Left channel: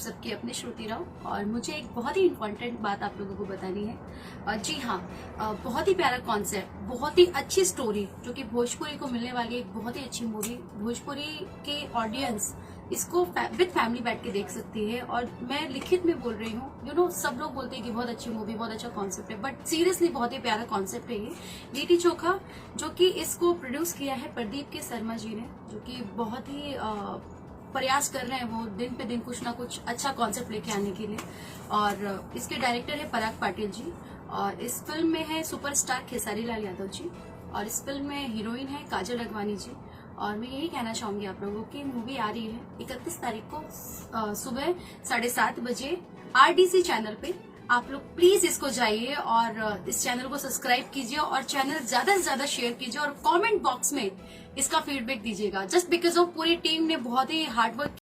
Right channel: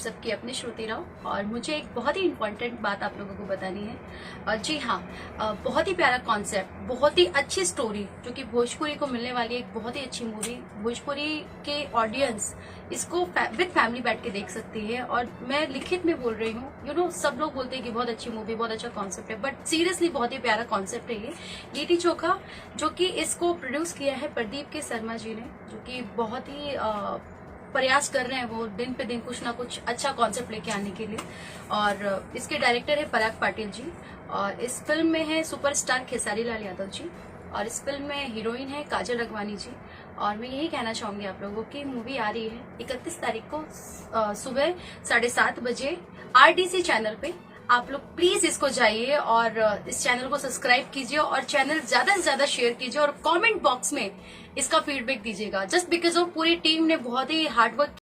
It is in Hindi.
सबकी अपनी श्रुति राव। और मुझे एक बहुत ही इम्पोर्टेंट बात आप लोगों को बतानी है। जी हाँ, बहुत ही प्यारा कॉन्सेप्ट, बहुत ही अच्छी स्टोरी जो कि भोजपुरी को मिलने वाली एक बहुत ही अच्छी मूवी। भोजपुरी के ऑडियंस इसको विद फैमिली बैठ के देख सकती है। और मैं लिखित में बोल रही हूँ, सब लोग बोलते हैं कि बहुत अच्छी मूवी, बहुत अच्छा कॉन्सेप्ट है, बट सीरियसली बहुत ही प्यारा कॉन्सेप्ट है ये। लिट्टी चोखा जो कि इसको प्रोड्यूस किया है प्रदीप के शर्मा जी ने, जो कि बहुत ही प्रयास कर रहे हैं वो दिन पे दिन कुछ ना कुछ अच्छा कॉन्सेप्ट लेके आने के लिए। और इसके डायरेक्टर है पराग पाटिल जी, और इस फिल्म में है सुपरस्टार खेसारी लाल यादव जी, और इस फिल्म में हीरोइन है काजल रघवानी जी। और मैं यही कहना चाहूंगी आप लोगों की, मूवी आ रही है 31 तारीख को सुबह 7:30 बजे RDC चैनल पे। आप लोग प्लीज इसको जाइए और इस चैनल को सब्सक्राइब कीजिए, और चैनल ज्यादा से ज्यादा शेयर कीजिए, और कमेंट बॉक्स में इसका फीडबैक दीजिएगा। जस्ट बिकॉज ऑफ पूरी टीम ने बहुत ही हार्डवर्क